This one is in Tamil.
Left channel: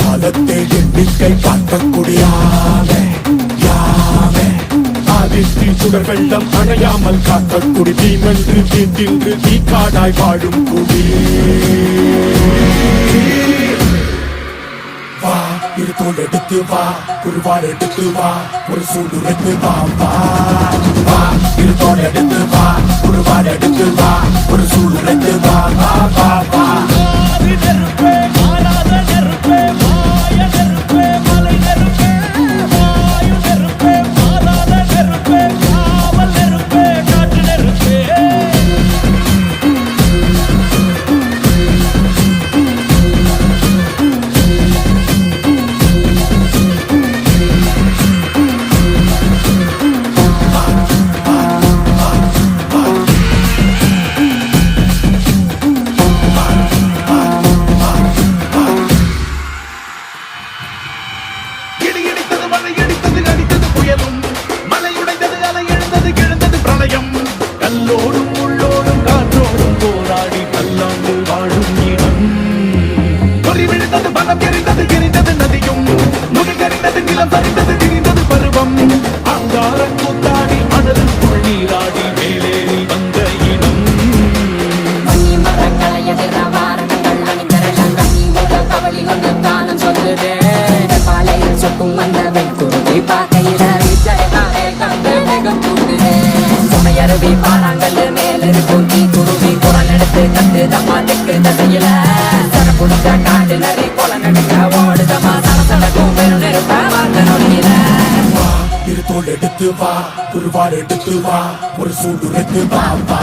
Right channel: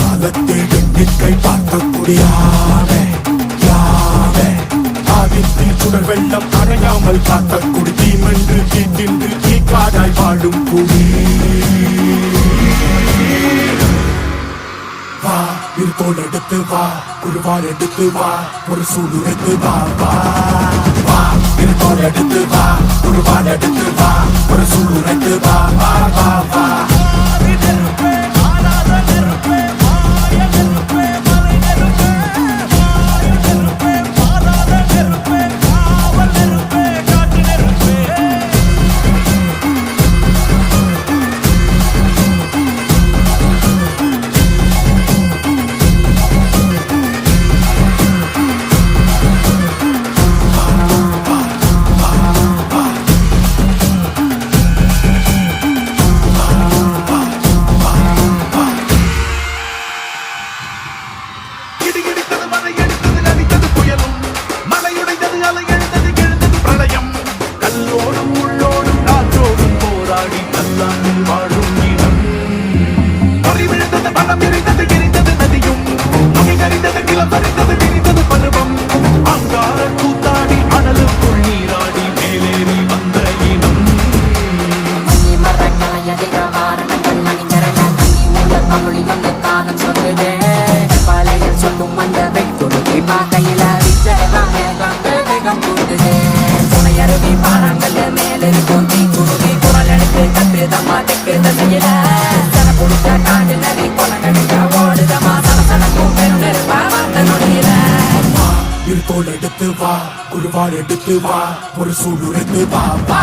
காலத்தை எண்ணிக்கை பார்க்கக்கூடியானே ஆதித்தில் சுடர் வெள்ளம் அணையாமல் காக்கக்குடி தீமென்று தீ தின்று தீ காடாய் வாழும் குடி வா இருத்தோடு எடுத்து வா குருவாள் எடுத்து வா ஒரு சூழ்நிலைத்து வா வா வா இருத்தோடு எடுத்து வா குருவாள் எடுத்து வா ஒரு சூழ்நிலைத்து வா வா வா வா கல்லோடும் உள்ளோடும் காற்றோடும் போராடி பல்லாண்டில் வாழும் இனம் பொறி விழுந்தது பணம் எரிந்தது எரிந்தது நதியும் நுகி கறிந்தது நிலம் சரிந்தது திரிந்தது பருவம் அங்கார கூத்தாடி அனலுக்குள் நீராடி மேலேறி வந்த இனம் இருத்தோடு எடுத்து வா குருவாள் எடுத்து வா ஒரு சூழ்நிலைத்து வா வா